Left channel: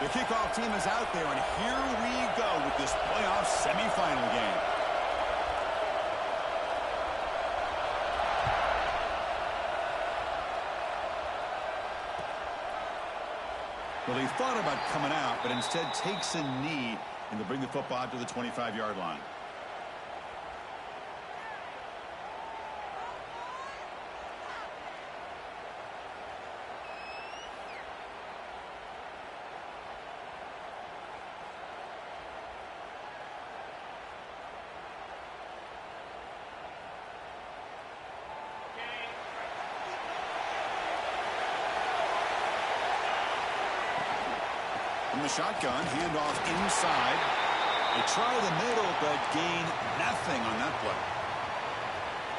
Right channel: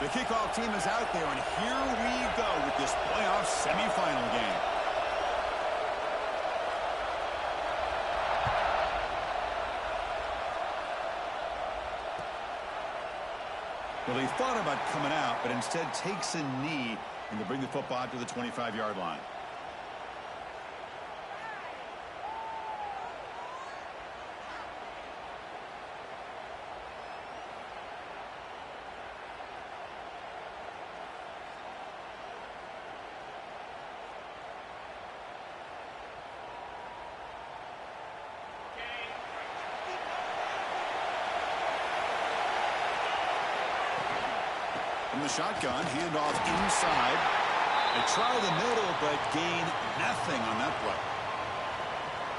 The kickoff team is out there, and here we go with this playoff semifinal game. Well, he thought about coming out, but instead takes a knee, and they'll bring the football out to the 25-yard line. From the shotgun, handoff inside. They try the middle, but gain nothing on that play.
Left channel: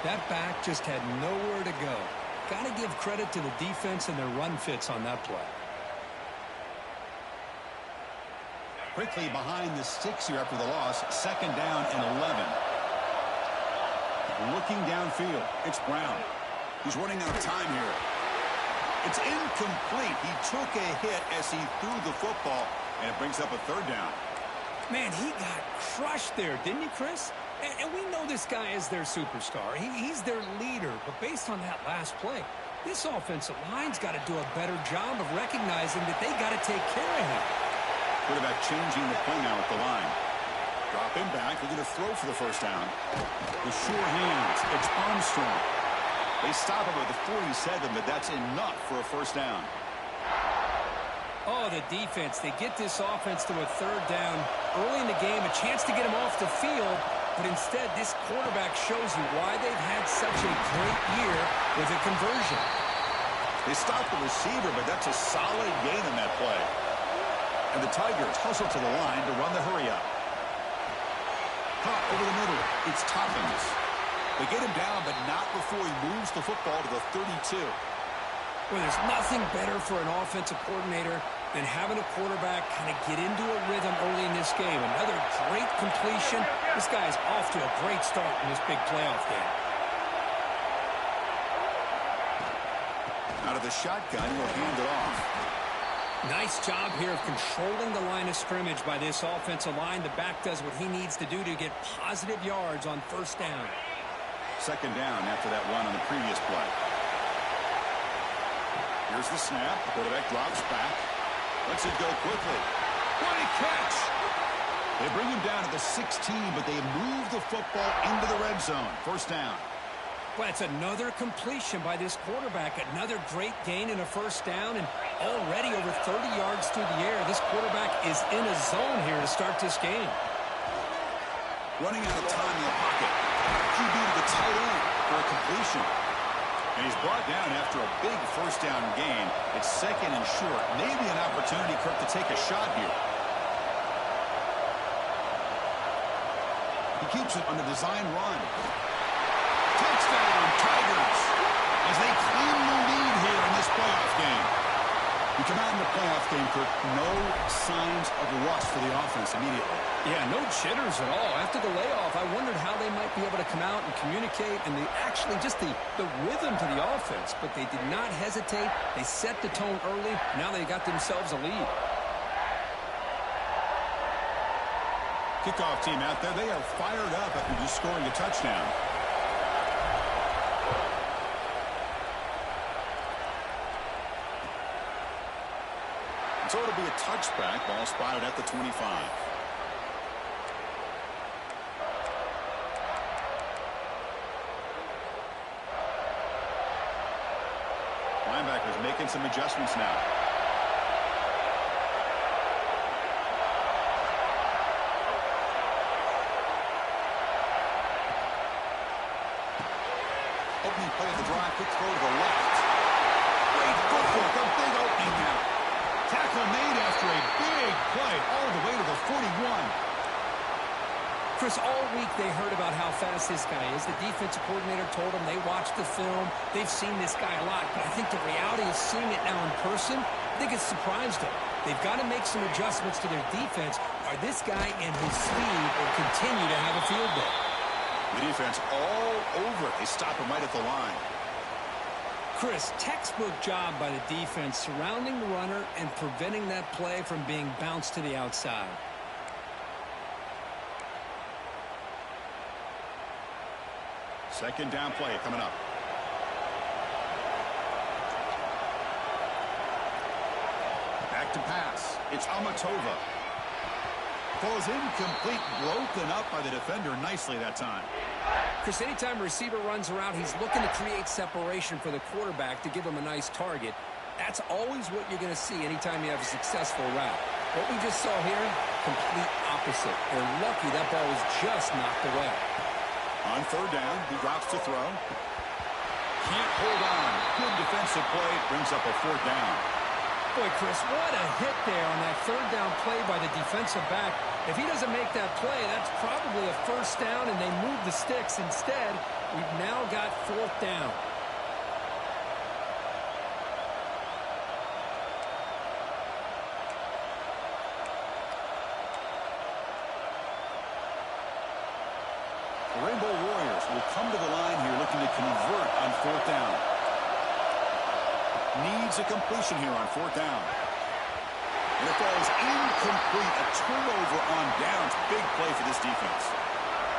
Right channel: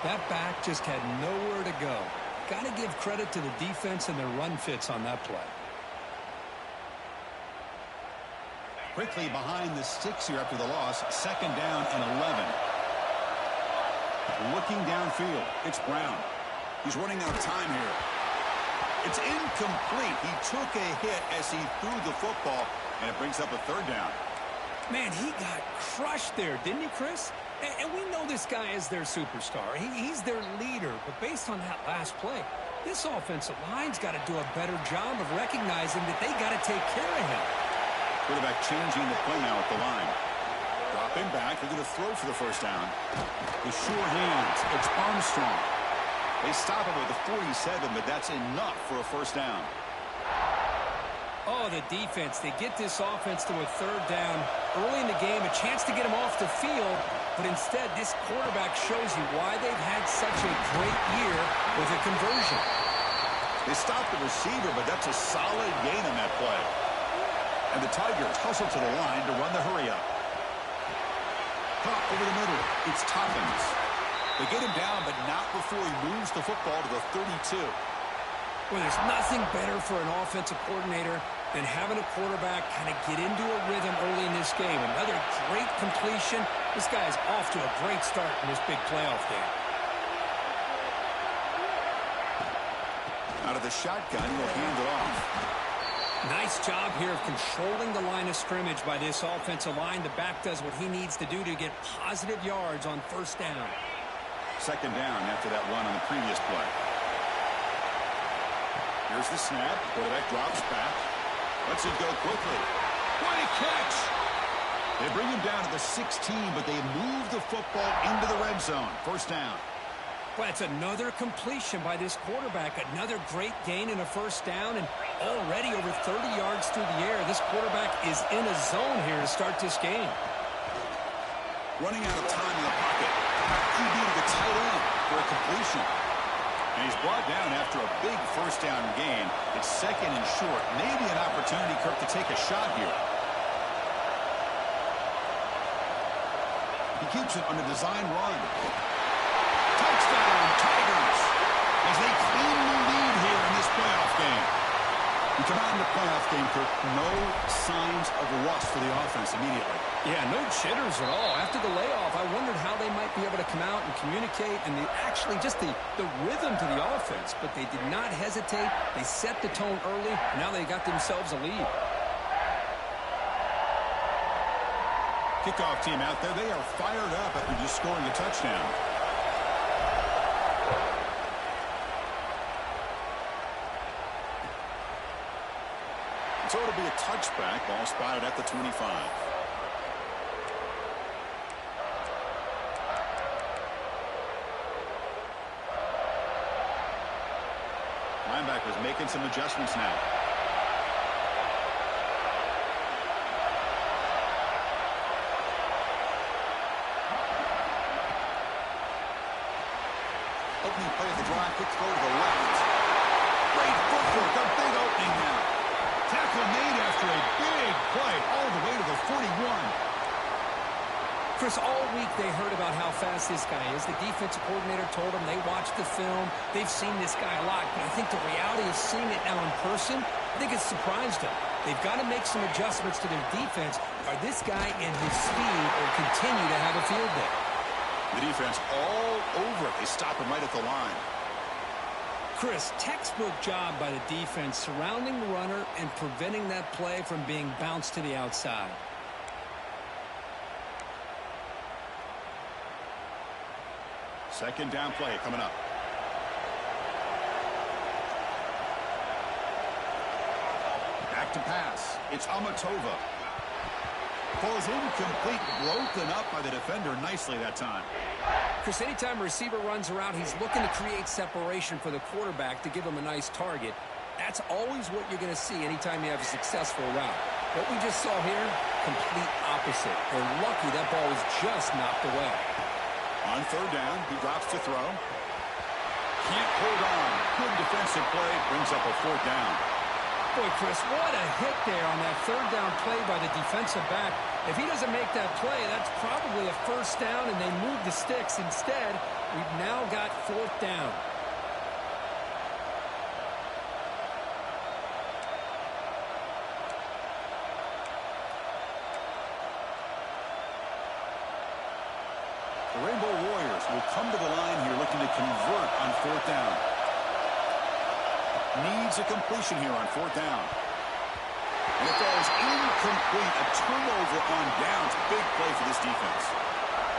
That back just had nowhere to go. Got to give credit to the defense and their run fits on that play. Quickly behind the sticks here after the loss. 2nd down and 11. Looking downfield, it's Brown. He's running out of time here. It's incomplete. He took a hit as he threw the football, and it brings up a 3rd down. Man, he got crushed there, didn't you, Chris? And we know this guy is their superstar. He's their leader. But based on that last play, this offensive line's got to do a better job of recognizing that they got to take care of him. Quarterback changing the play now at the line. Drop him back. They're going to throw for the 1st down. The sure hands. It's Armstrong. They stop him at the 47, but that's enough for a 1st down. Oh, the defense. They get this offense to a 3rd down early in the game, a chance to get him off the field, but instead this quarterback shows you why they've had such a great year with a conversion. They stop the receiver, but that's a solid gain on that play. And the Tigers hustle to the line to run the hurry-up. Caught over the middle. It's Toppins. They get him down, but not before he moves the football to the 32. Well, there's nothing better for an offensive coordinator than having a quarterback kind of get into a rhythm early in this game. Another great completion. This guy's off to a great start in this big playoff game. Out of the shotgun, he'll hand it off. Nice job here of controlling the line of scrimmage by this offensive line. The back does what he needs to do to get positive yards on 1st down. 2nd down after that run on the previous play. Here's the snap. Quarterback drops back. Lets it go quickly. What a catch! They bring him down to the 16, but they move the football into the red zone. 1st down. Well, that's another completion by this quarterback. Another great gain in a 1st down, and already over 30 yards through the air. This quarterback is in a zone here to start this game. Running out of time in the pocket. QB to the tight end for a completion. And he's brought down after a big 1st down gain. It's 2nd and short. Maybe an opportunity, Kirk, to take a shot here. He keeps it on a design run. Touchdown, Tigers, as they claim the lead here in this playoff game. You come out in the playoff game, Kirk, no signs of rust for the offense immediately. Yeah, no jitters at all. After the layoff, I wondered how they might be able to come out and communicate, and actually just the rhythm to the offense. But they did not hesitate. They set the tone early. Now they got themselves a lead. Kickoff team out there. They are fired up after just scoring a touchdown. So it'll be a touchback. Ball spotted at the 25. Linebackers making some adjustments now. Opening play of the drive. Quick throw to the left. Great footwork. A big opening now. Tackle made after a big play all the way to the 41. Chris, all week they heard about how fast this guy is. The defensive coordinator told them they watched the film. They've seen this guy a lot, but I think the reality of seeing it now in person, I think it's surprised them. They've got to make some adjustments to their defense. Are this guy and his speed will continue to have a field day? The defense all over it. They stop him right at the line. Chris, textbook job by the defense surrounding the runner and preventing that play from being bounced to the outside. Second down play coming up. Back to pass. It's Amatova. Falls incomplete, broken up by the defender nicely that time. Chris, anytime a receiver runs around, he's looking to create separation for the quarterback to give him a nice target. That's always what you're going to see anytime you have a successful route. What we just saw here, complete opposite. They're lucky that ball was just knocked away. On third down, he drops to throw. Can't hold on. Good defensive play, brings up a fourth down. Boy, Chris, what a hit there on that third down play by the defensive back. If he doesn't make that play, that's probably a first down, and they move the sticks. Instead, we've now got fourth down. The Rainbow Warriors will come to the line here looking to convert on fourth down. Needs a completion here on fourth down. And it falls incomplete. A turnover on downs. Big play for this defense.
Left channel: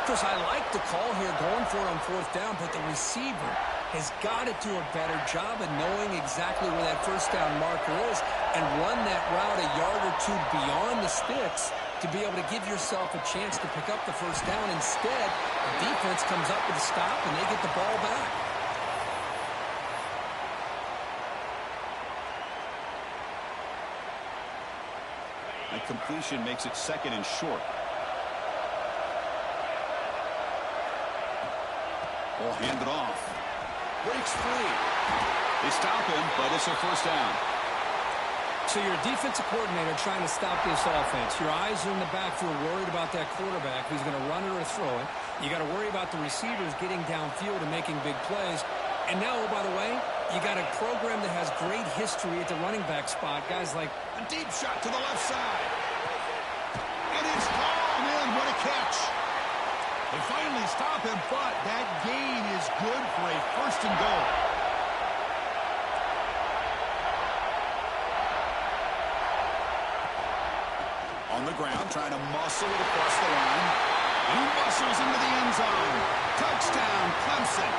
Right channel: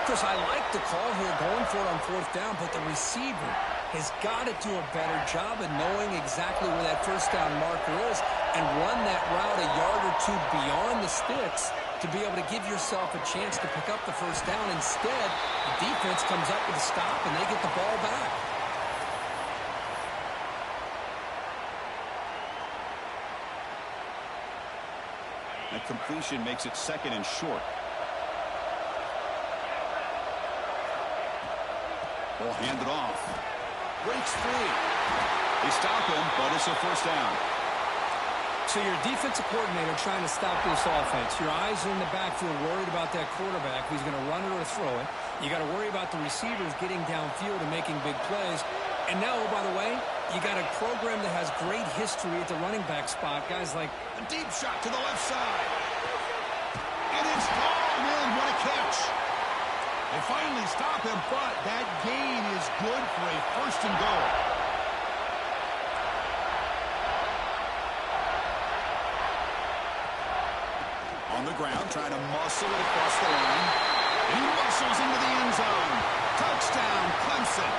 Chris, I like the call here going for it on fourth down, but the receiver has got to do a better job of knowing exactly where that first down marker is and run that route a yard or two beyond the sticks to be able to give yourself a chance to pick up the first down. Instead, the defense comes up with a stop, and they get the ball back. That completion makes it second and short. Ball handed off. Breaks free. They stop him, but it's a first down. So you're a defensive coordinator trying to stop this offense. Your eyes are in the backfield worried about that quarterback who's going to run it or throw it. You got to worry about the receivers getting downfield and making big plays. And now, oh, by the way, you got a program that has great history at the running back spot. Guys like a deep shot to the left side. And it's gone in. What a catch. They finally stop him, but that gain is good for a first and goal. On the ground, trying to muscle it across the line. And he muscles into the end zone. Touchdown, Clemson.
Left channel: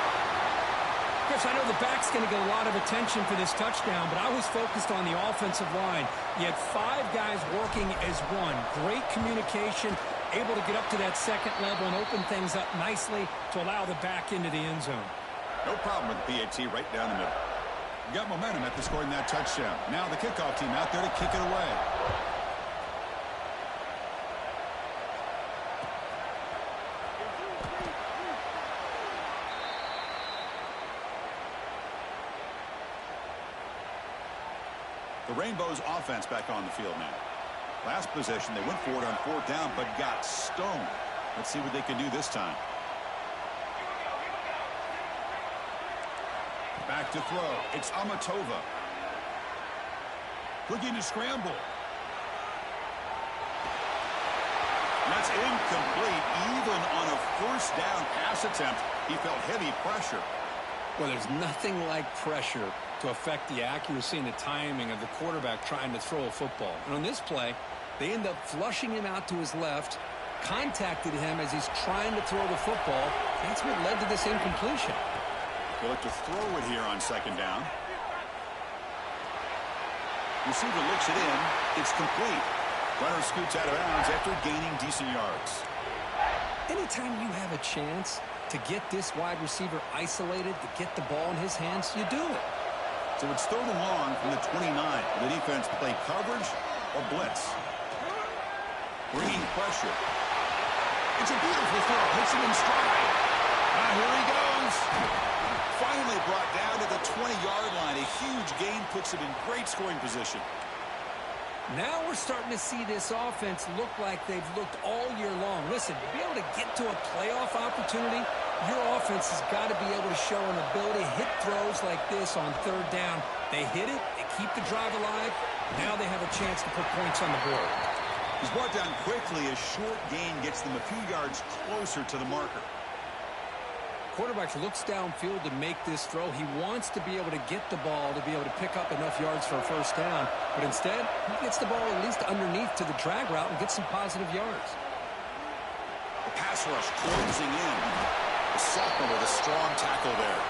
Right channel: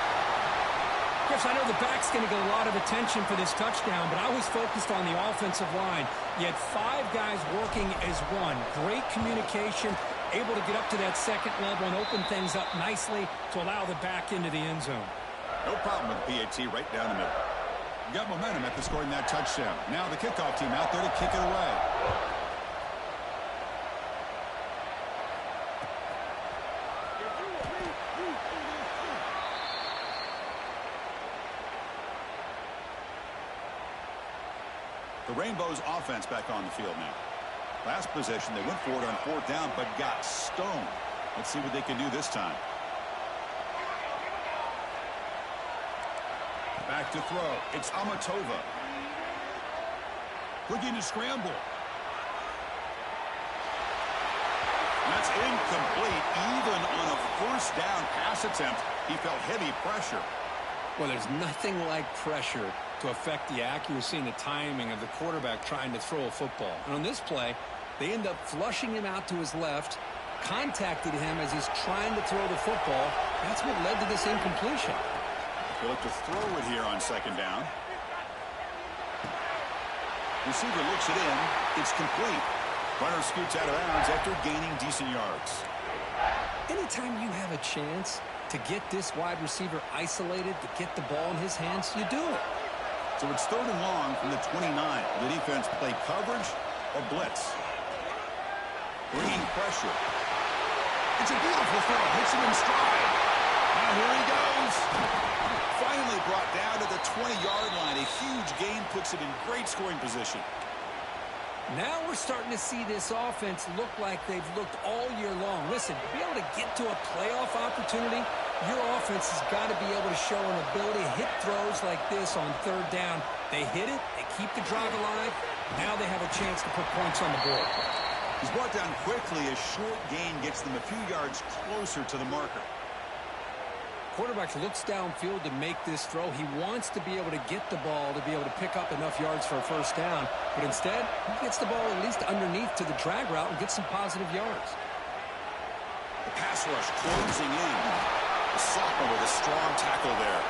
Chris, I know the back's going to get a lot of attention for this touchdown, but I was focused on the offensive line. You had 5 guys working as one. Great communication, able to get up to that second level and open things up nicely to allow the back into the end zone. No problem with the PAT right down the middle. You got momentum after scoring that touchdown. Now the kickoff team out there to kick it away. The Rainbows offense back on the field now. Last possession, they went for it on fourth down, but got stoned. Let's see what they can do this time. Back to throw. It's Amatova. Looking to scramble. And that's incomplete. Even on a first down pass attempt, he felt heavy pressure. Well, there's nothing like pressure to affect the accuracy and the timing of the quarterback trying to throw a football. And on this play, they end up flushing him out to his left, contacted him as he's trying to throw the football. That's what led to this incompletion. They look to throw it here on second down. Receiver looks it in. It's complete. Runner scoots out of bounds after gaining decent yards. Anytime you have a chance to get this wide receiver isolated, to get the ball in his hands, you do it. So it's third and long from the 29. The defense play coverage or blitz. Bringing pressure. It's a beautiful throw. Hits him in stride. Now here he goes. Finally brought down to the 20-yard line. A huge gain puts him in great scoring position. Now we're starting to see this offense look like they've looked all year long. Listen, to be able to get to a playoff opportunity, your offense has got to be able to show an ability to hit throws like this on third down. They hit it, they keep the drive alive. Now they have a chance to put points on the board. He's brought down quickly. A short gain gets them a few yards closer to the marker. Quarterback looks downfield to make this throw. He wants to be able to get the ball to be able to pick up enough yards for a first down. But instead, he gets the ball at least underneath to the drag route and gets some positive yards. The pass rush closing in. The sophomore with a strong tackle there.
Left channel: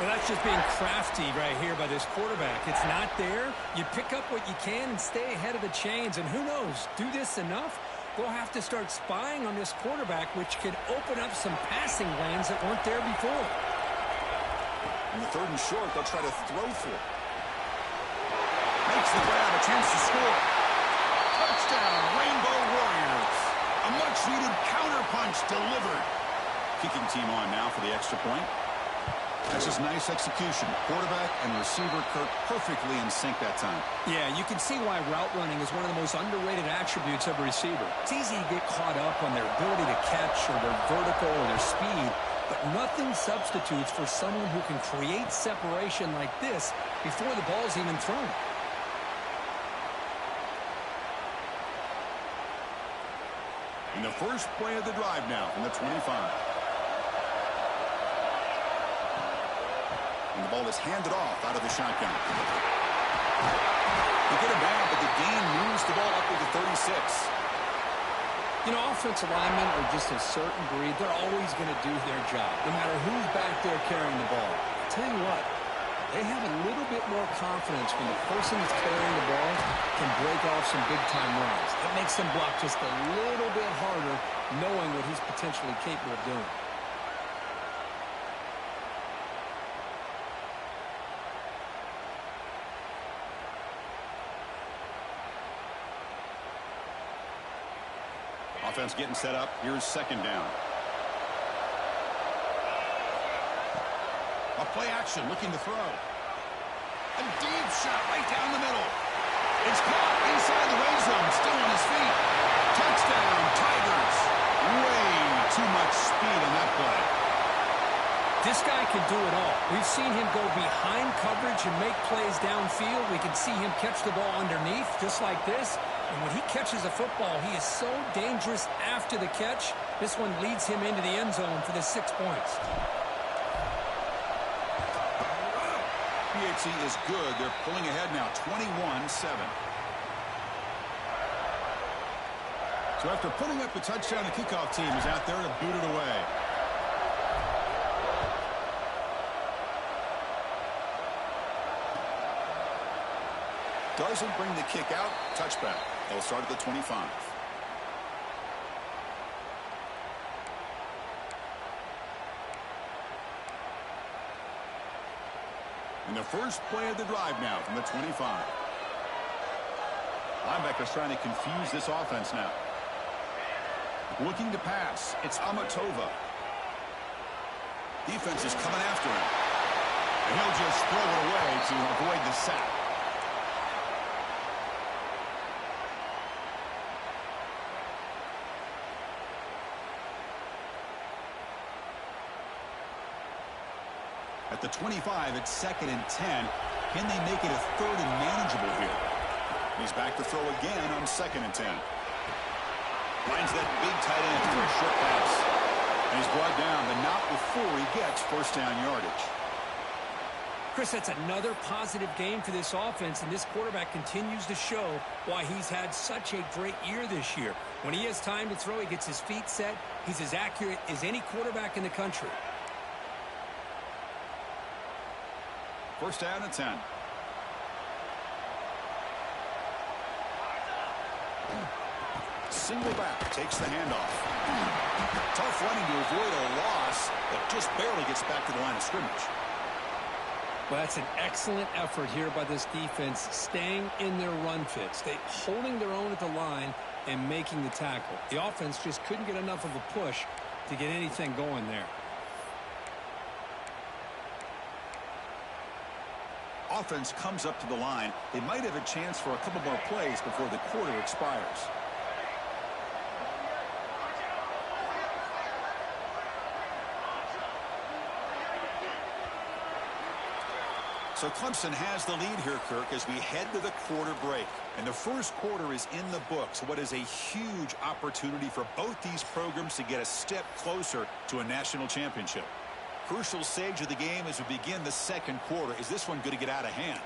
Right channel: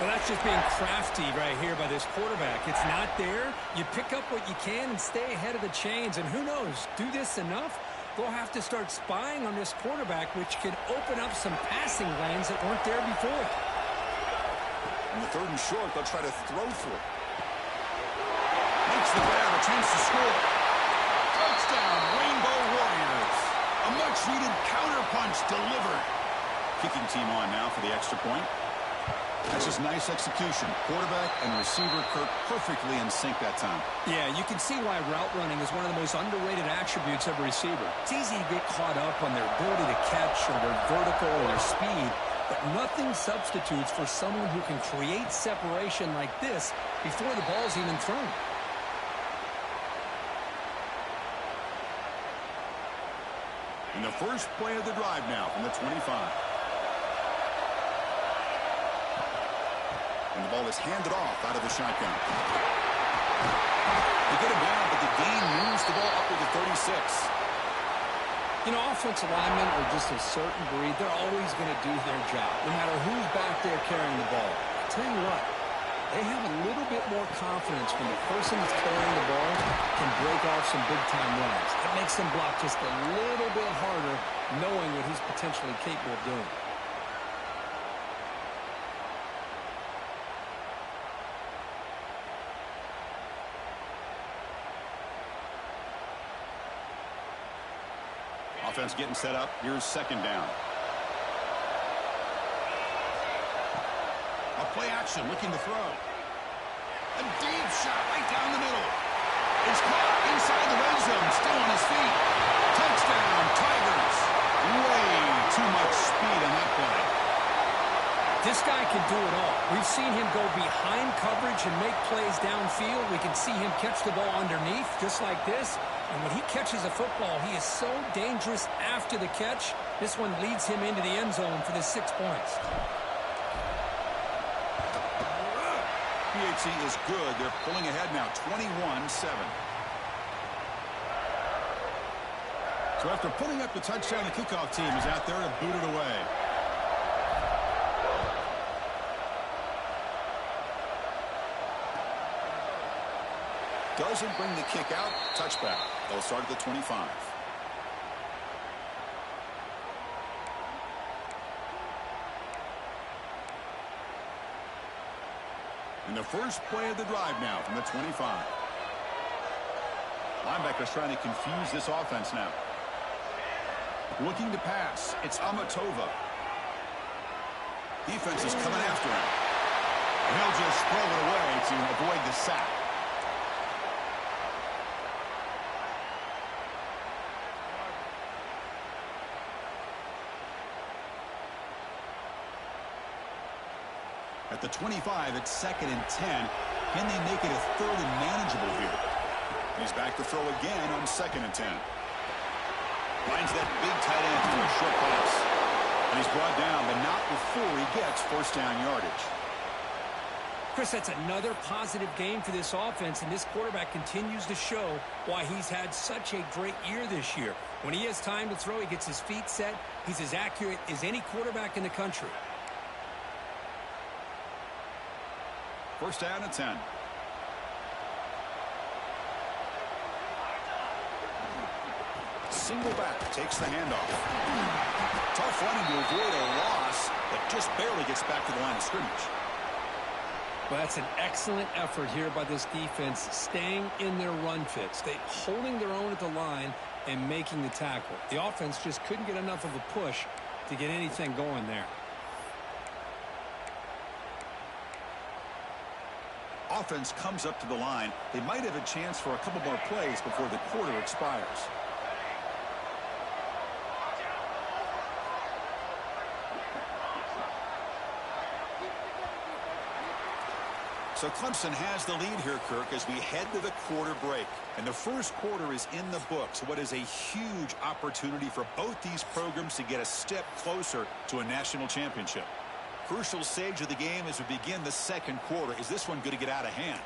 Well, that's just being crafty right here by this quarterback. It's not there. You pick up what you can and stay ahead of the chains. And who knows, do this enough, they'll have to start spying on this quarterback, which could open up some passing lanes that weren't there before. In the 3rd and short, they'll try to throw for it. Makes the grab, a chance to score. Touchdown, Rainbow Warriors. A much-needed counterpunch delivered. Kicking team on now for the extra point. That's just nice execution. Quarterback and receiver Kirk perfectly in sync that time. Yeah, you can see why route running is one of the most underrated attributes of a receiver. It's easy to get caught up on their ability to catch or their vertical or their speed, but nothing substitutes for someone who can create separation like this before the ball's even thrown. In the first play of the drive now from the 25. And the ball is handed off out of the shotgun. They get him down, but the gain moves the ball up to the 36. You know, offensive linemen are just a certain breed. They're always going to do their job, no matter who's back there carrying the ball. I'll tell you what, they have a little bit more confidence when the person that's carrying the ball can break off some big-time runs. It makes them block just a little bit harder, knowing what he's potentially capable of doing. Offense getting set up. Here's 2nd down. A play action looking to throw. A deep shot right down the middle. It's caught inside the red zone. Still on his feet. Touchdown, Tigers. Way too much speed on that play. This guy can do it all. We've seen him go behind coverage and make plays downfield. We can see him catch the ball underneath just like this. And when he catches a football, he is so dangerous after the catch. This one leads him into the end zone for the 6 points. PHC is good. They're pulling ahead now, 21-7. So after putting up the touchdown, the kickoff team is out there to boot it away. Doesn't bring the kick out. Touchback. They'll start at the 25. In the first play of the drive now from the 25. Linebackers trying to confuse this offense now. Looking to pass. It's Amatova. Defense is coming after him. And he'll just throw it away to avoid the sack. At the 25, it's 2nd and 10. Can they make it a 3rd and manageable here? He's back to throw again on 2nd and 10. Finds that big tight end for a short pass. And he's brought down, but not before he gets first down yardage. Chris, that's another positive game for this offense, and this quarterback continues to show why he's had such a great year this year. When he has time to throw, he gets his feet set. He's as accurate as any quarterback in the country. First down and 10. Single back, takes the handoff. Tough running to avoid a loss, but just barely gets back to the line of scrimmage. Well, that's an excellent effort here by this defense, staying in their run fits. They holding their own at the line and making the tackle. The offense just couldn't get enough of a push to get anything going there. Offense comes up to the line. They might have a chance for a couple more plays before the quarter expires. So Clemson has the lead here, Kirk, as we head to the quarter break. And the first quarter is in the books. What is a huge opportunity for both these programs to get a step closer to a national championship. crucial stage of the game as we begin the second quarter. Is this one going to get out of hand?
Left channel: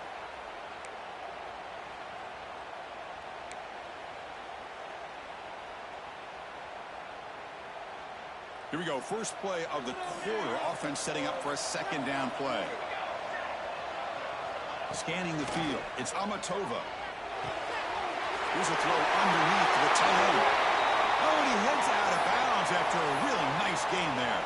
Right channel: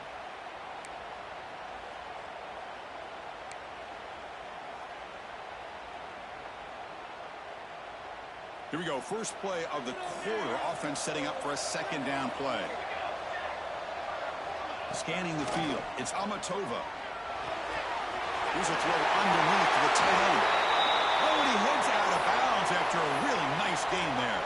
Here we go. First play of the quarter. Offense setting up for a second down play. Scanning the field. It's Amatova. Here's a throw underneath to the tight end. Oh, and he heads out of bounds after a really nice game there.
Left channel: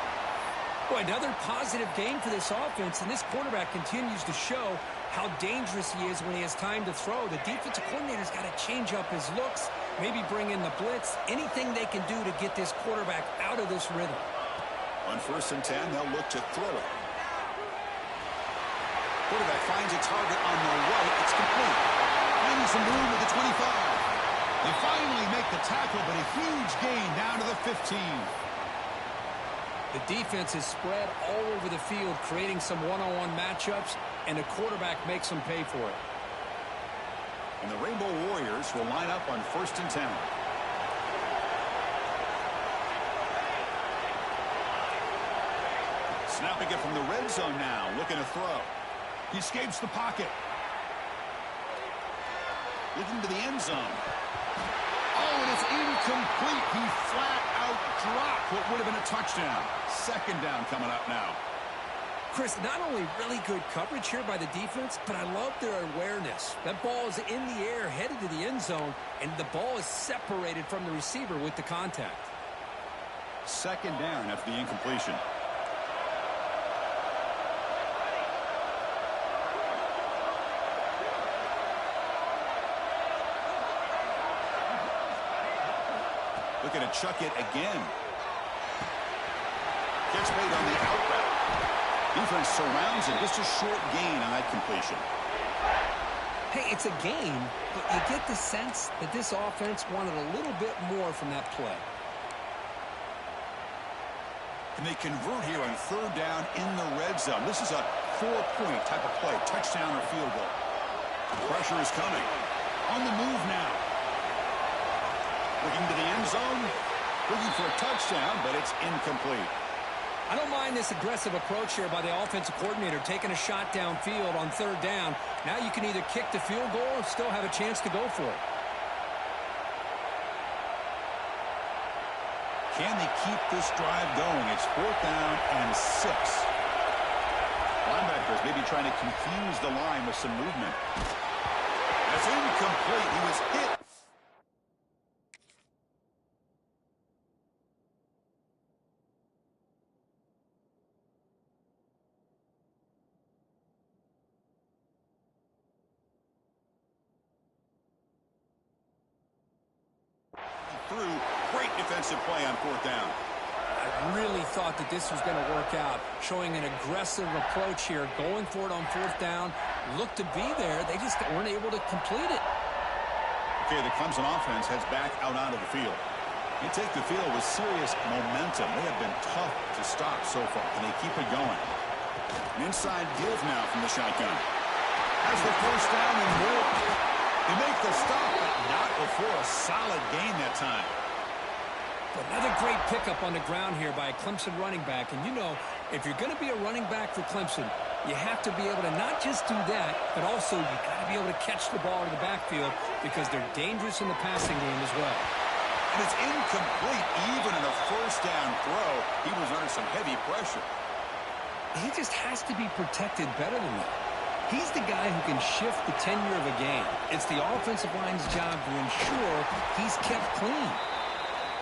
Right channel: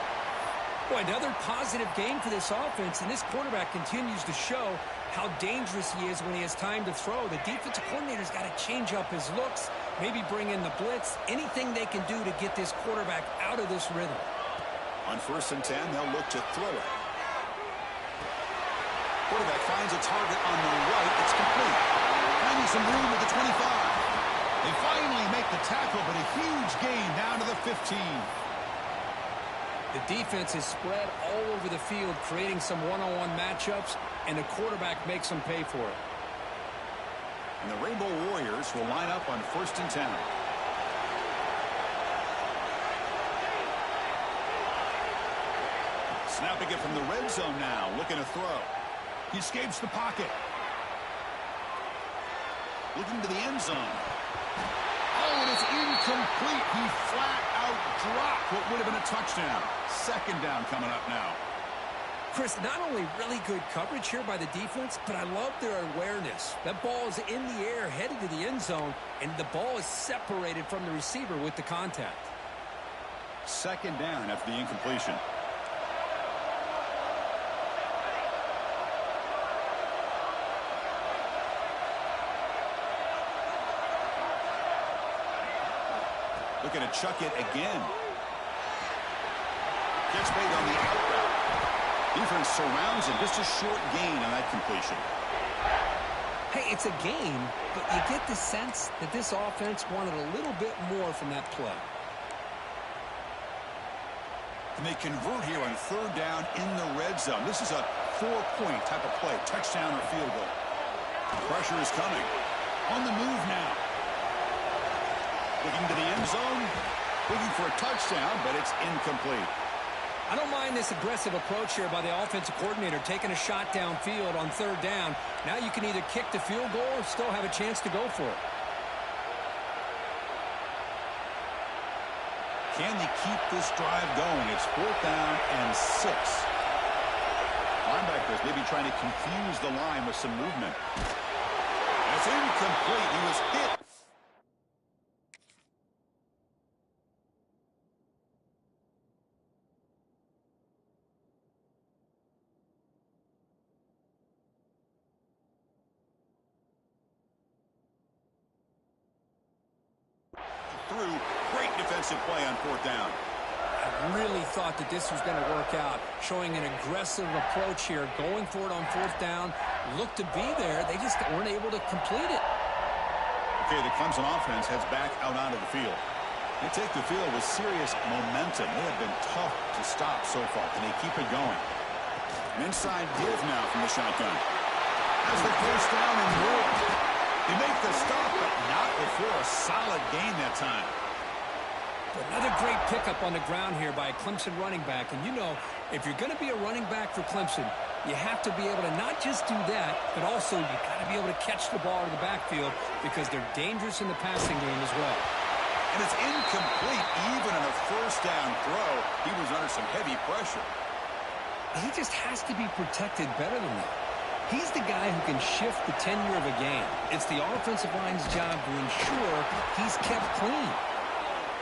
Boy, another positive game for this offense, and this quarterback continues to show how dangerous he is when he has time to throw. The defensive coordinator's got to change up his looks, maybe bring in the blitz, anything they can do to get this quarterback out of this rhythm. On 1st and 10, they'll look to throw it. Quarterback finds a target on the right. It's complete. Finding some room at the 25. They finally make the tackle, but a huge gain down to the 15. The defense is spread all over the field, creating some one-on-one matchups, and the quarterback makes them pay for it. And the Rainbow Warriors will line up on 1st and 10. Snapping it from the red zone now, looking to throw. He escapes the pocket. Looking to the end zone. Oh, and it's incomplete. He flat out dropped what would have been a touchdown. Second down coming up now. Chris, not only really good coverage here by the defense, but I love their awareness. That ball is in the air, headed to the end zone, and the ball is separated from the receiver with the contact. Second down after the incompletion. Looking to chuck it again. Gets made on the out route. Defense surrounds him. Just a short gain on that completion. Hey, it's a game, but you get the sense that this offense wanted a little bit more from that play. And they convert here on 3rd down in the red zone. This is a 4-point type of play, touchdown or field goal. Pressure is coming. On the move now. Looking to the end zone, looking for a touchdown, but it's incomplete. I don't mind this aggressive approach here by the offensive coordinator, taking a shot downfield on 3rd down. Now you can either kick the field goal or still have a chance to go for it. Can they keep this drive going? It's 4th down and 6. Linebackers maybe trying to confuse the line with some movement. That's incomplete. He was hit. Through. Great defensive play on 4th down. I really thought that this was going to work out, showing an aggressive approach here, going for it on 4th down. Looked to be there. They just weren't able to complete it. Okay, the Clemson offense heads back out onto the field. They take the field with serious momentum. They have been tough to stop so far. Can they keep it going? An inside give now from the shotgun. Has the 1st down and more. They make the stop, but not before a solid gain that time. But another great pickup on the ground here by a Clemson running back. And you know, if you're going to be a running back for Clemson, you have to be able to not just do that, but also you got to be able to catch the ball to the backfield because they're dangerous in the passing game as well. And it's incomplete. Even in a 1st down throw, he was under some heavy pressure. He just has to be protected better than that. He's the guy who can shift the tenure of a game. It's the offensive line's job to ensure he's kept clean.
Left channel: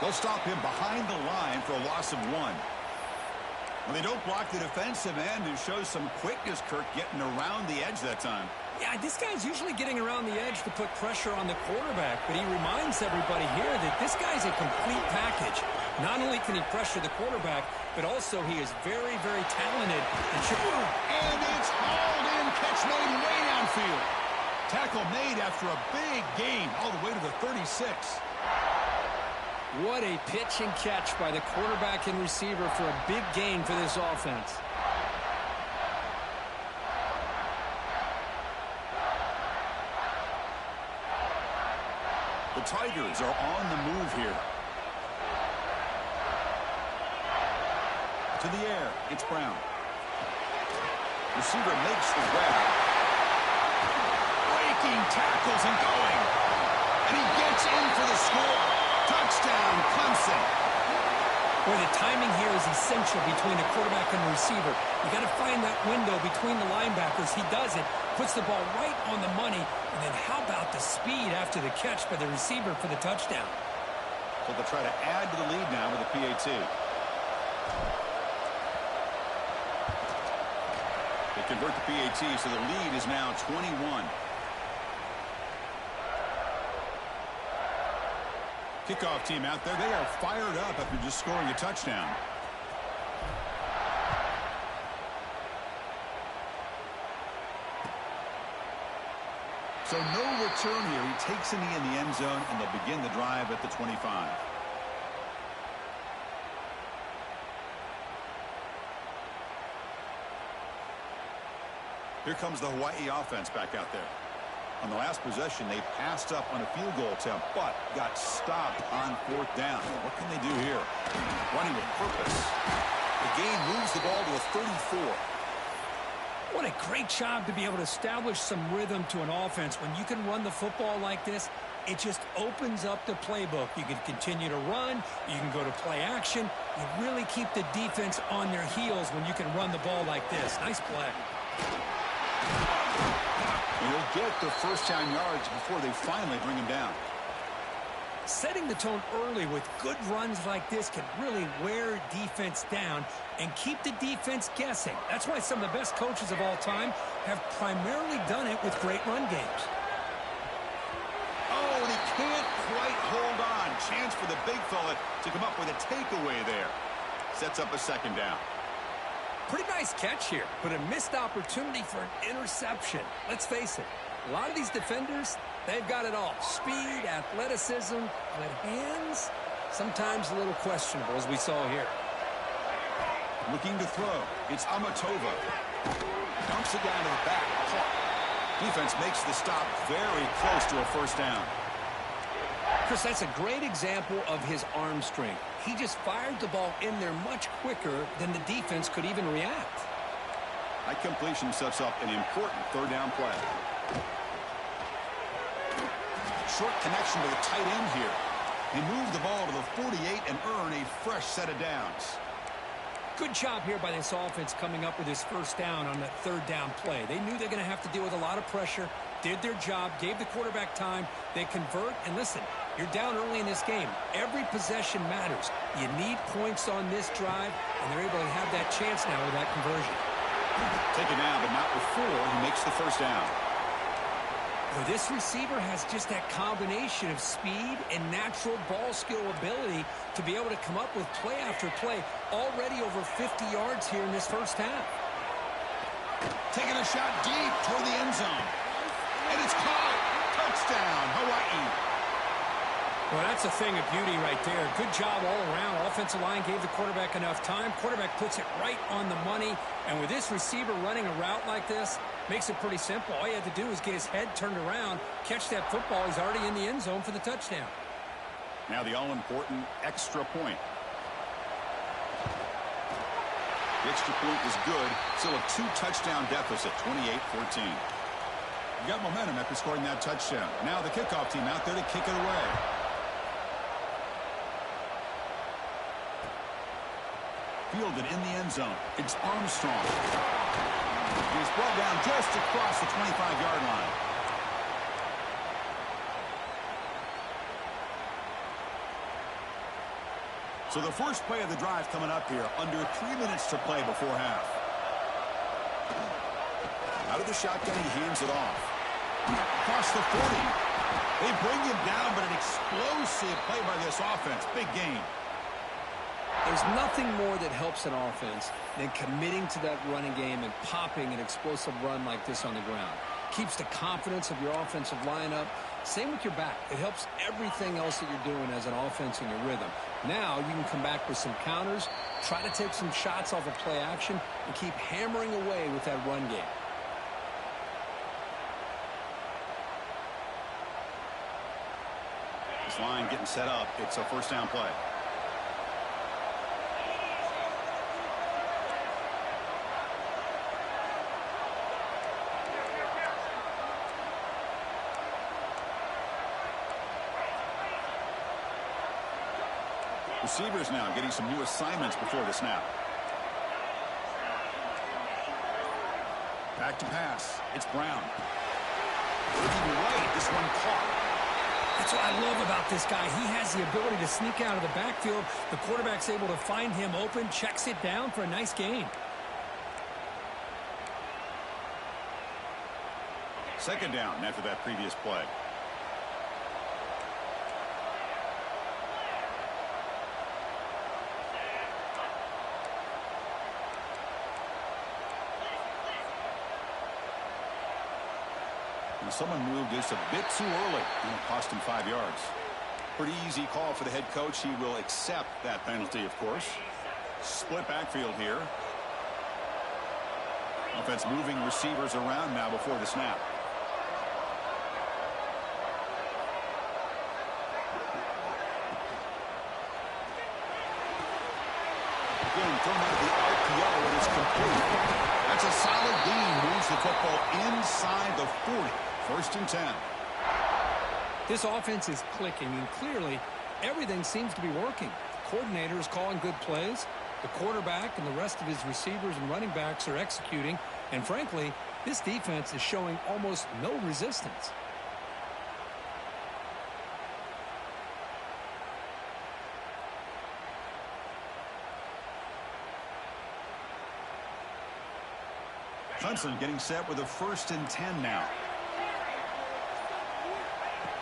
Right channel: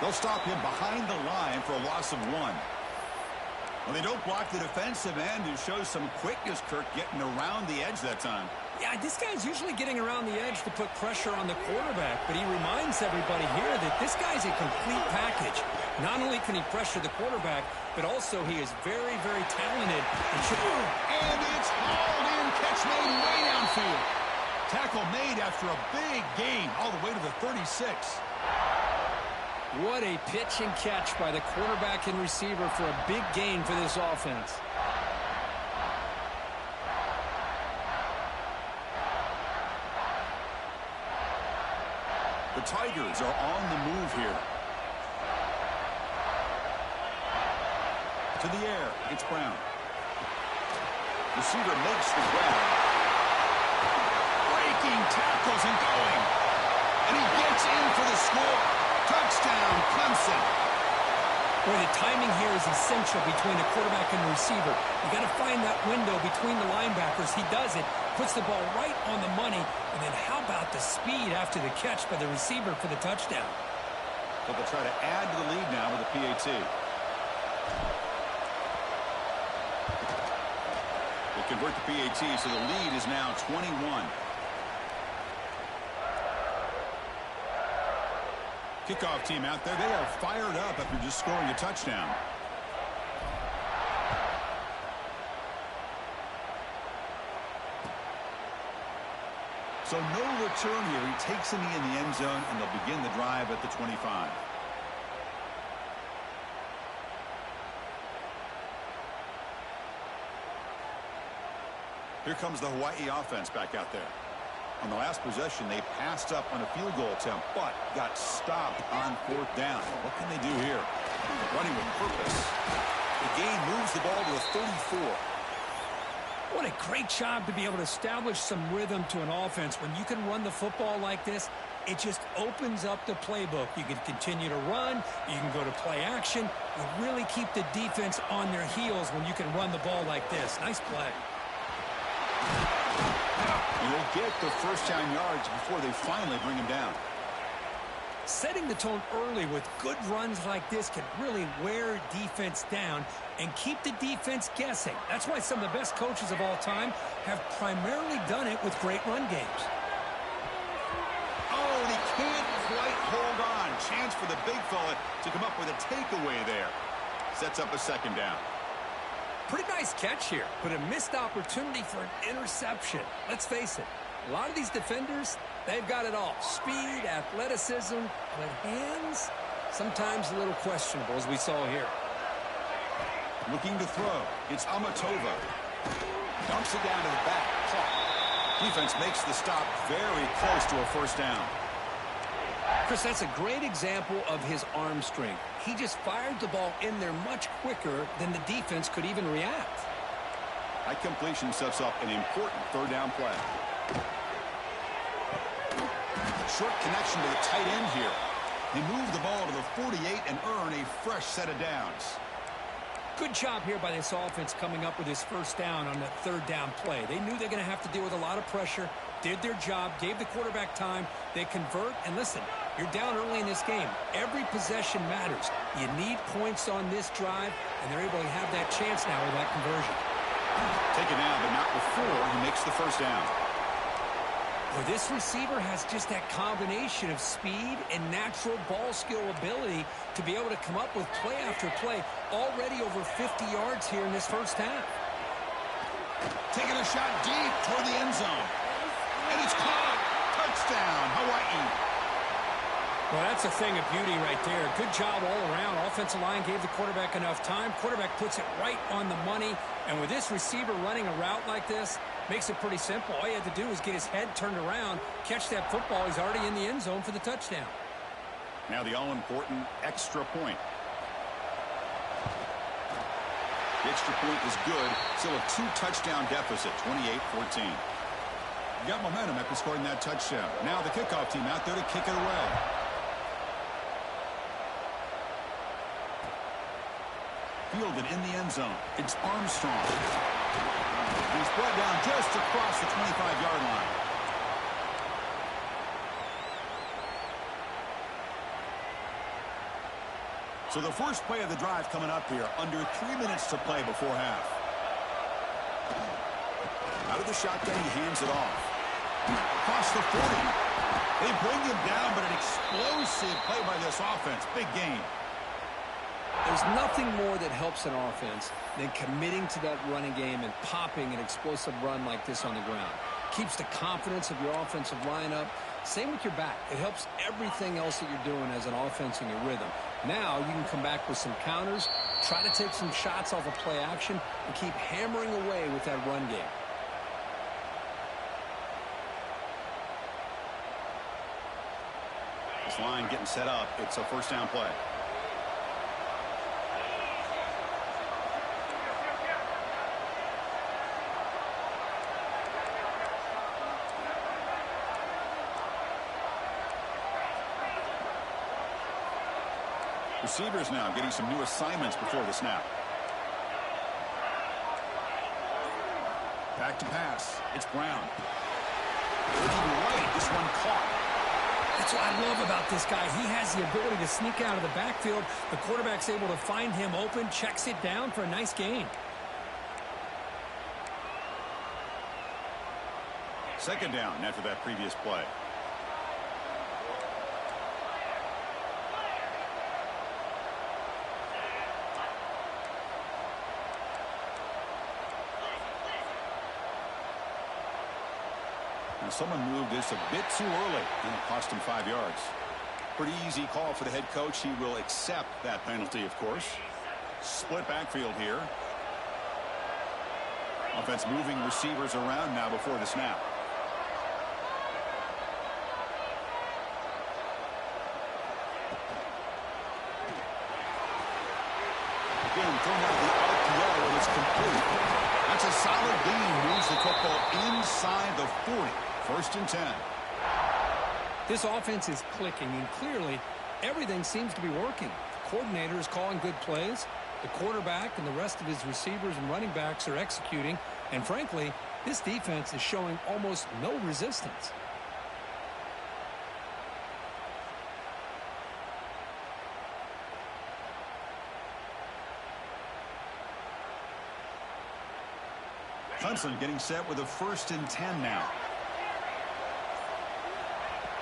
They'll stop him behind the line for a loss of 1. Well, they don't block the defensive end, who shows some quickness, Kirk, getting around the edge that time. Yeah, this guy's usually getting around the edge to put pressure on the quarterback, but he reminds everybody here that this guy's a complete package. Not only can he pressure the quarterback, but also he is very, very talented. And it's hauled in, catch made way downfield. Tackle made after a big gain all the way to the 36. What a pitch and catch by the quarterback and receiver for a big gain for this offense. The Tigers are on the move here. To the air, it's Brown. Receiver makes the grab. Breaking tackles and going. And he gets in for the score. Touchdown, Clemson. Boy, the timing here is essential between the quarterback and the receiver. You got to find that window between the linebackers. He does it, puts the ball right on the money, and then how about the speed after the catch by the receiver for the touchdown? So they'll try to add to the lead now with a PAT. They convert the PAT, so the lead is now 21. Kickoff team out there. They are fired up after just scoring a touchdown. So no return here. He takes a knee in the end zone, and they'll begin the drive at the 25. Here comes the Hawaii offense back out there. On the last possession, they passed up on a field goal attempt, but got stopped on 4th down. What can they do here? Running with purpose. The gain moves the ball to the 34. What a great job to be able to establish some rhythm to an offense. When you can run the football like this, it just opens up the playbook. You can continue to run. You can go to play action. You really keep the defense on their heels when you can run the ball like this. Nice play. And he'll get the first down yards before they finally bring him down. Setting the tone early with good runs like this can really wear defense down and keep the defense guessing. That's why some of the best coaches of all time have primarily done it with great run games. Oh, and he can't quite hold on. Chance for the big fella to come up with a takeaway there. Sets up a 2nd down. Pretty nice catch here, but a missed opportunity for an interception. Let's face it, a lot of these defenders, they've got it all. Speed, athleticism, but hands, sometimes a little questionable, as we saw here. Looking to throw. It's Amatova. Dumps it down to the back. Caught. Defense makes the stop very close to a 1st down. Chris, that's a great example of his arm strength. He just fired the ball in there much quicker than the defense could even react. That completion sets up an important 3rd down play. Short connection to the tight end here. They move the ball to the 48 and earn a fresh set of downs. Good job here by this offense coming up with his 1st down on that 3rd down play. They knew they're going to have to deal with a lot of pressure, did their job, gave the quarterback time. They convert, and listen, you're down early in this game. Every possession matters. You need points on this drive, and they're able to have that chance now with that conversion. Take it now, but not before he makes the 1st down. Well, this receiver has just that combination of speed and natural ball skill ability to be able to come up with play after play. Already over 50 yards here in this 1st half. Taking a shot deep toward the end zone. And it's caught. Touchdown, Hawaii. Well, that's a thing of beauty right there. Good job all around. Offensive line gave the quarterback enough time. Quarterback puts it right on the money. And with this receiver running a route like this, makes it pretty simple. All you had to do is get his head turned around, catch that football. He's already in the end zone for the touchdown. Now the all-important extra point. The extra point is good. Still a 2-touchdown deficit, 28-14. Got momentum after scoring that touchdown. Now the kickoff team out there to kick it away. Fielded in the end zone. It's Armstrong. He's brought down just across the 25-yard line. So the first play of the drive coming up here. Under 3 minutes to play before half. Out of the shotgun, he hands it off. Across the 40. They bring him down, but an explosive play by this offense. Big gain. There's nothing more that helps an offense than committing to that running game and popping an explosive run like this on the ground. Keeps the confidence of your offensive lineup. Same with your back. It helps everything else that you're doing as an offense in your rhythm. Now you can come back with some counters, try to take some shots off of play action, and keep hammering away with that run game. This line getting set up. It's a 1st down play. Receivers now getting some new assignments before the snap. Back to pass. It's Brown. Looking right. This one caught. That's what I love about this guy. He has the ability to sneak out of the backfield. The quarterback's able to find him open, checks it down for a nice gain. Second down after that previous play. Now someone moved just a bit too early, and it cost him 5 yards. Pretty easy call for the head coach. He will accept that penalty, of course. Split backfield here. Offense moving receivers around now before the snap. Again, thrown out of the RPO, and it's complete. That's a solid gain. Moves the football inside the 40. First and 10. This offense is clicking, and clearly everything seems to be working. The coordinator is calling good plays. The quarterback and the rest of his receivers and running backs are executing. And frankly, this defense is showing almost no resistance. Clemson getting set with a first and 10 now.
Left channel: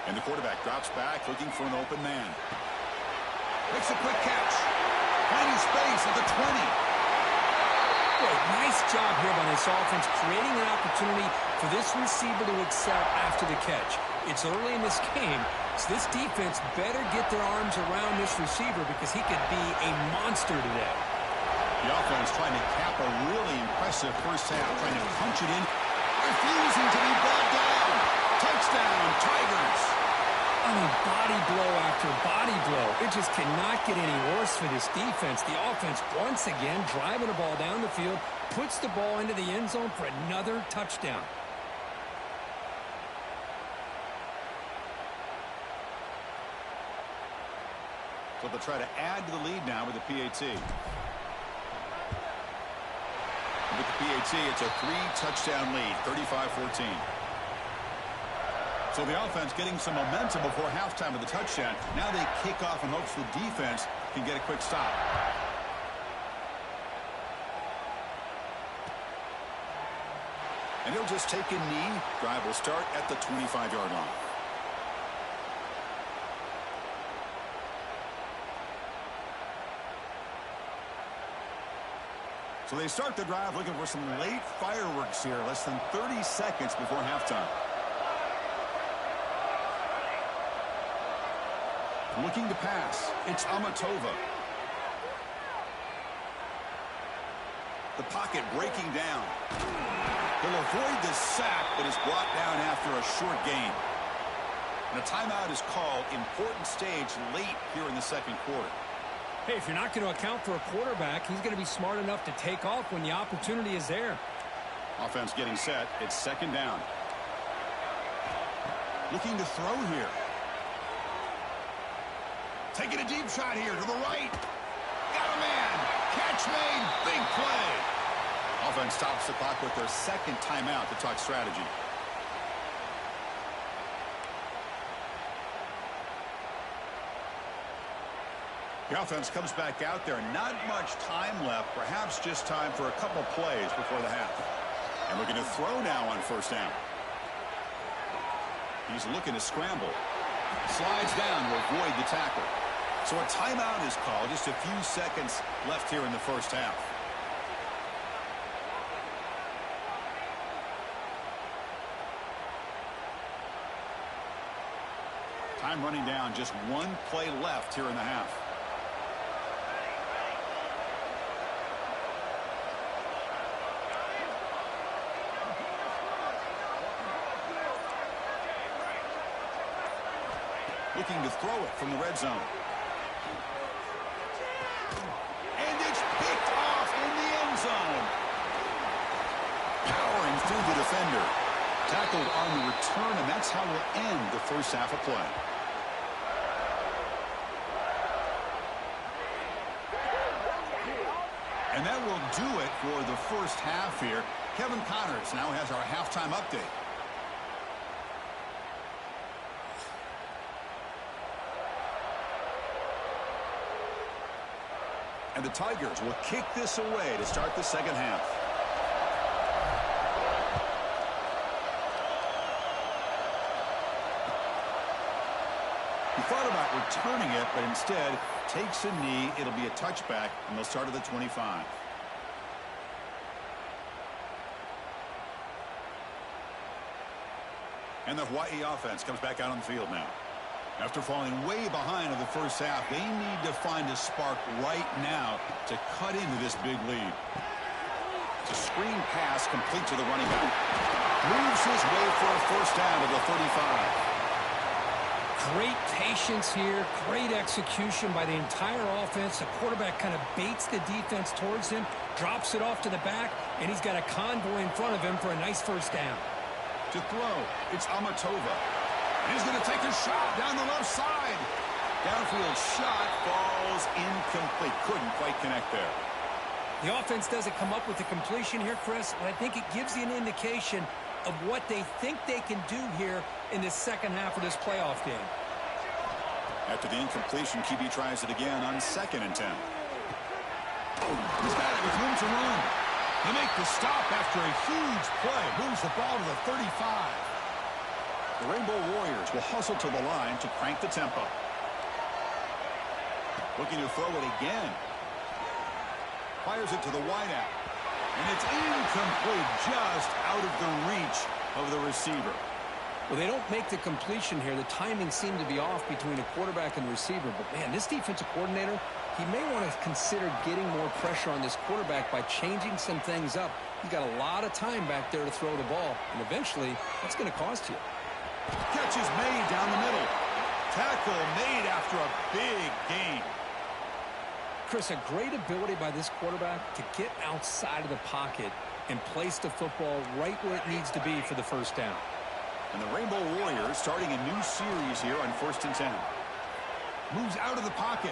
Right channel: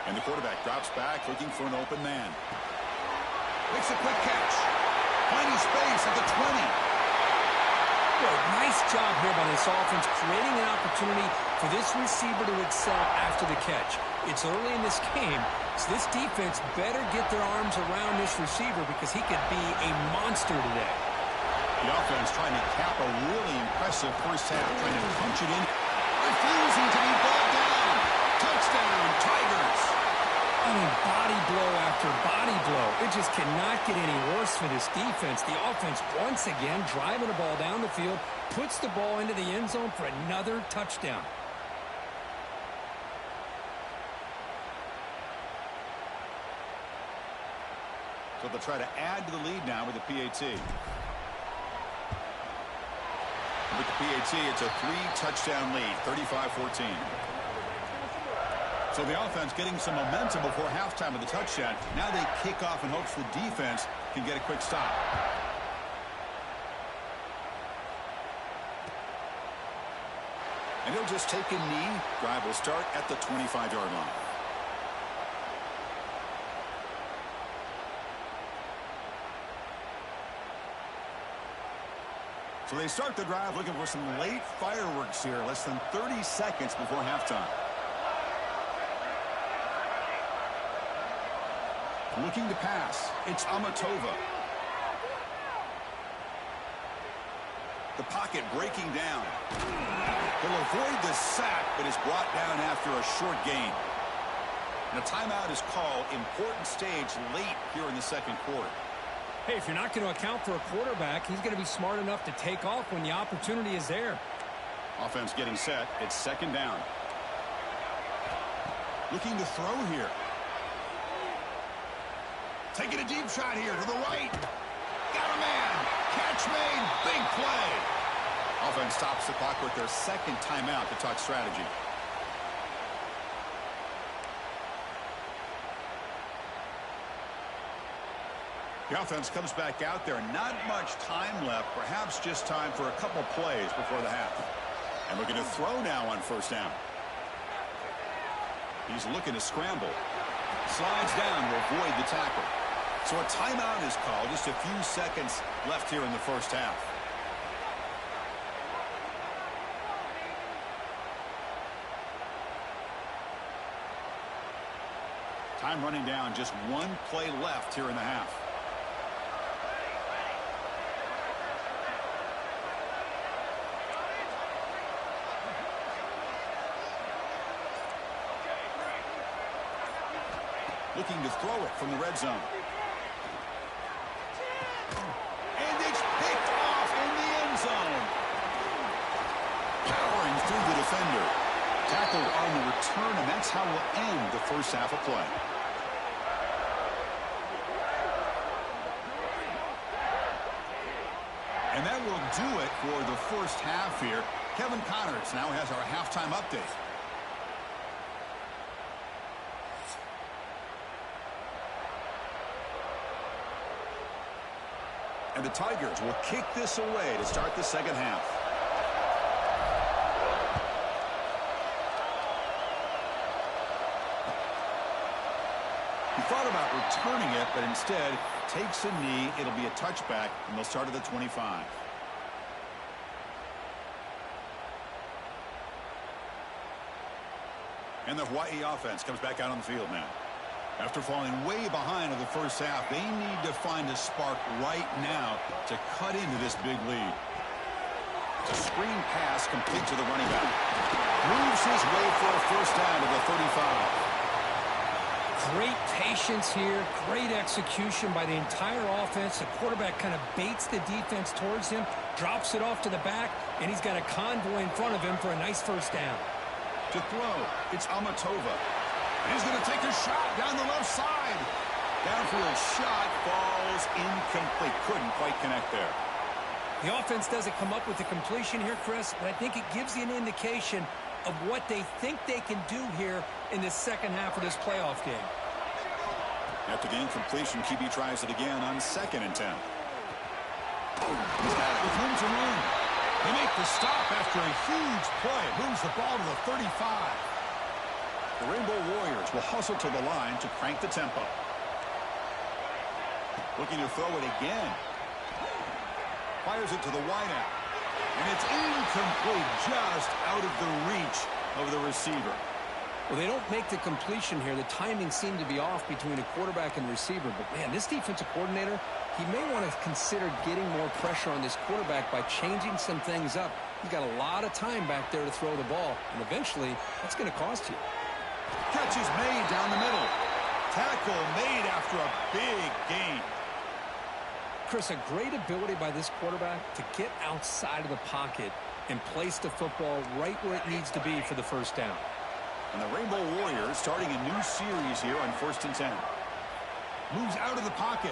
And the quarterback drops back looking for an open man. Makes a quick catch. Finding space at the 20. Well, nice job here by this offense, creating an opportunity for this receiver to excel after the catch. It's early in this game, so this defense better get their arms around this receiver because he could be a monster today. The offense trying to cap a really impressive first half, trying to punch it in, refusing to be brought down. Touchdown, Tigers. I mean, body blow after body blow. It just cannot get any worse for this defense. The offense, once again, driving the ball down the field, puts the ball into the end zone for another touchdown. So they'll try to add to the lead now with the PAT. With the PAT, it's a 3-touchdown lead, 35-14. So the offense getting some momentum before halftime with the touchdown. Now they kick off in hopes the defense can get a quick stop. And he'll just take a knee. Drive will start at the 25-yard line. So they start the drive looking for some late fireworks here. Less than 30 seconds before halftime. Looking to pass. It's Amatova. The pocket breaking down. He'll avoid the sack, but is brought down after a short gain. And a timeout is called. Important stage late here in the second quarter. Hey, if you're not going to account for a quarterback, he's going to be smart enough to take off when the opportunity is there. Offense getting set. It's second down. Looking to throw here. Taking a deep shot here to the right. Got a man. Catch made. Big play. Offense stops the clock with their second timeout to talk strategy. The offense comes back out there. Not much time left. Perhaps just time for a couple plays before the half. And looking to throw now on first down. He's looking to scramble. Slides down to avoid the tackle. So a timeout is called. Just a few seconds left here in the first half. Time running down. Just one play left here in the half. Looking to throw it from the red zone. And it's picked off in the end zone. Powering through the defender. Tackled on the return, and that's how we'll end the first half of play. And that will do it for the first half here. Kevin Connors now has our halftime update. And the Tigers will kick this away to start the second half. He thought about returning it, but instead takes a knee. It'll be a touchback, and they'll start at the 25. And the Hawaii offense comes back out on the field now. After falling way behind in the first half, they need to find a spark right now to cut into this big lead. It's a screen pass complete to the running back. Moves his way for a first down to the 35. Great patience here, great execution by the entire offense. The quarterback kind of baits the defense towards him, drops it off to the back, and he's got a convoy in front of him for a nice first down. To throw, it's Amatova. And he's going to take a shot down the left side. Downfield shot falls incomplete. Couldn't quite connect there. The offense doesn't come up with the completion here, Chris, but I think it gives you an indication of what they think they can do here in the second half of this playoff game. After the incompletion, QB tries it again on 2nd and 10. He's got it with room to run. They make the stop after a huge play. Moves the ball to the 35. The Rainbow Warriors will hustle to the line to crank the tempo. Looking to throw it again. Fires it to the wideout. And it's incomplete, just out of the reach of the receiver. Well, they don't make the completion here. The timing seemed to be off between a quarterback and receiver. But, man, this defensive coordinator, he may want to consider getting more pressure on this quarterback by changing some things up. He's got a lot of time back there to throw the ball. And eventually, that's going to cost you. Catch is made down the middle. Tackle made after a big gain. Chris, a great ability by this quarterback to get outside of the pocket and place the football right where it needs to be for the first down. And the Rainbow Warriors starting a new series here on 1st and 10. Moves out of the pocket.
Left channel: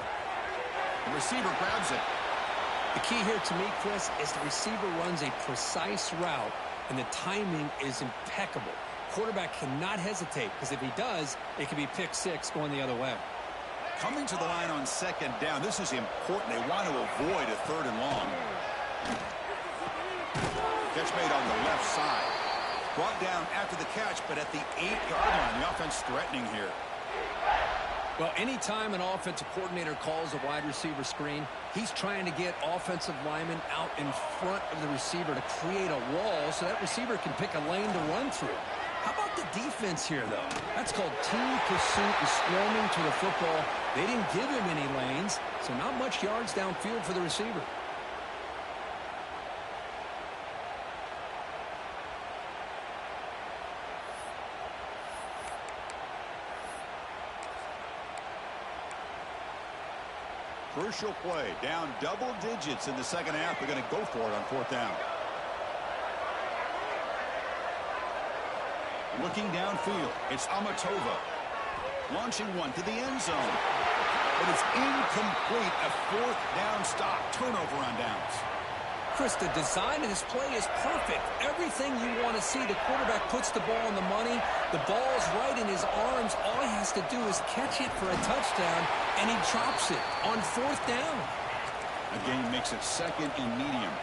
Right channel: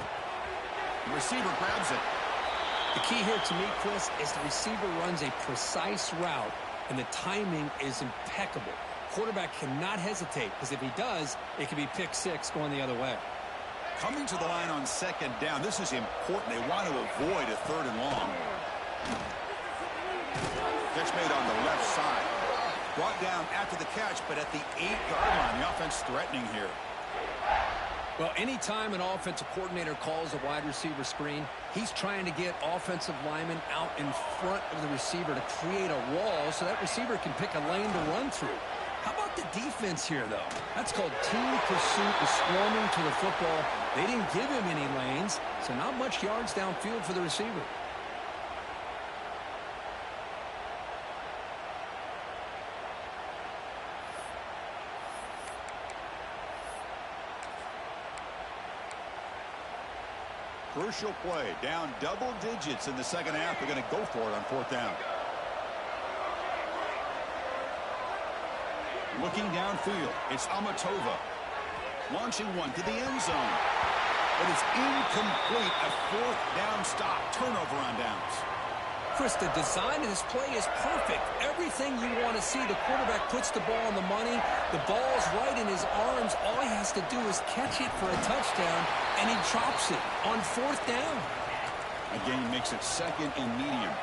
The receiver grabs it. The key here to me, Chris, is the receiver runs a precise route, and the timing is impeccable. Quarterback cannot hesitate, because if he does, it could be pick six going the other way. Coming to the line on 2nd down. This is important. They want to avoid a 3rd and long. Catch made on the left side. Brought down after the catch, but at the 8-yard line. The offense threatening here. Well, anytime an offensive coordinator calls a wide receiver screen, he's trying to get offensive linemen out in front of the receiver to create a wall so that receiver can pick a lane to run through. How about the defense here, though? That's called team pursuit and swarming to the football. They didn't give him any lanes, so not much yards downfield for the receiver. Crucial play. Down double digits in the second half. They're going to go for it on 4th down. Looking downfield, it's Amatova. Launching one to the end zone. But it's incomplete. A 4th down stop. Turnover on downs. Chris, the design of this play is perfect. Everything you want to see. The quarterback puts the ball on the money. The ball's right in his arms. All he has to do is catch it for a touchdown, and he drops it on 4th down. A gain makes it 2nd and medium.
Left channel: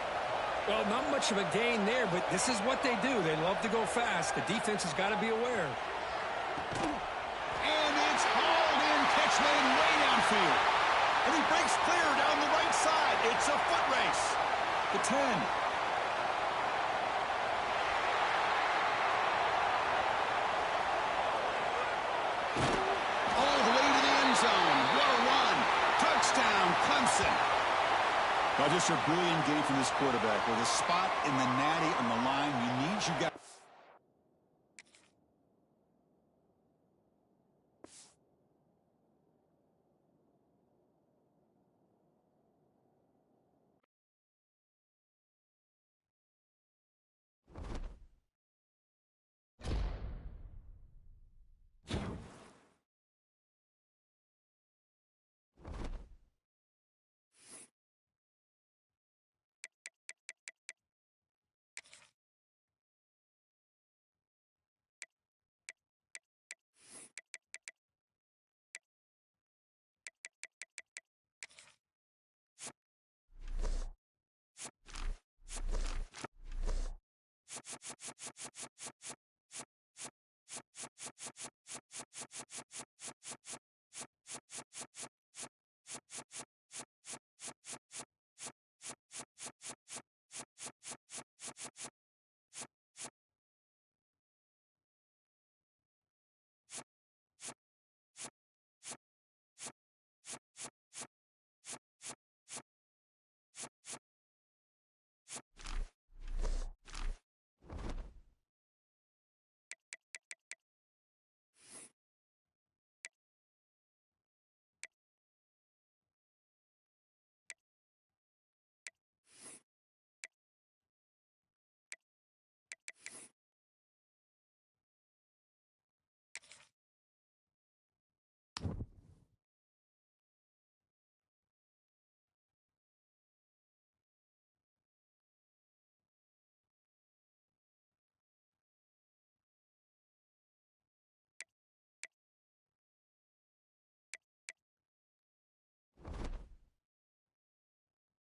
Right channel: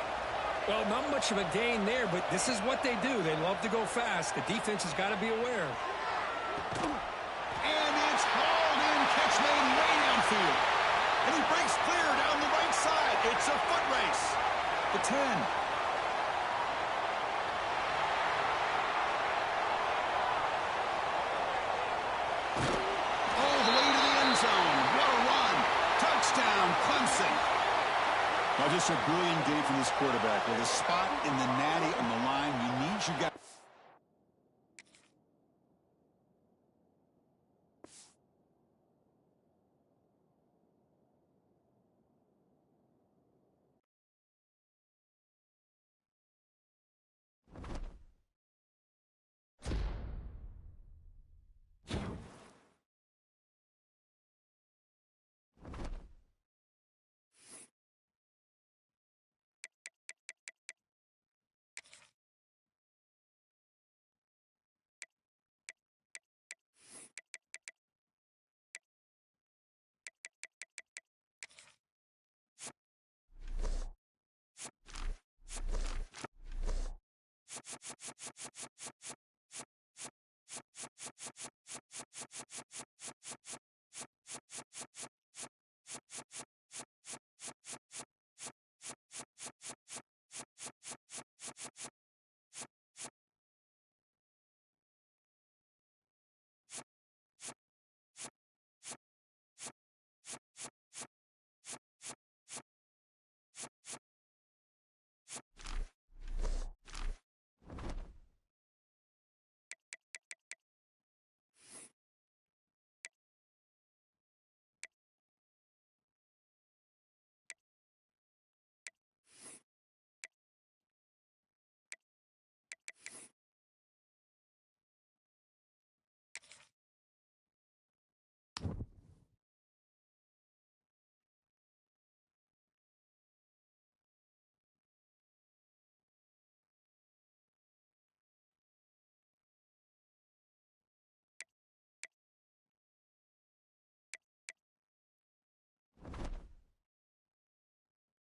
Well, not much of a gain there, but this is what they do. They love to go fast. The defense has got to be aware. And it's hauled in. Catch made way downfield. And he breaks clear down the right side. It's a foot race. The 10. All the way to the end zone. What a run. Touchdown, Clemson. Now just a brilliant game from this quarterback. With a spot in the natty on the line, you need your guy.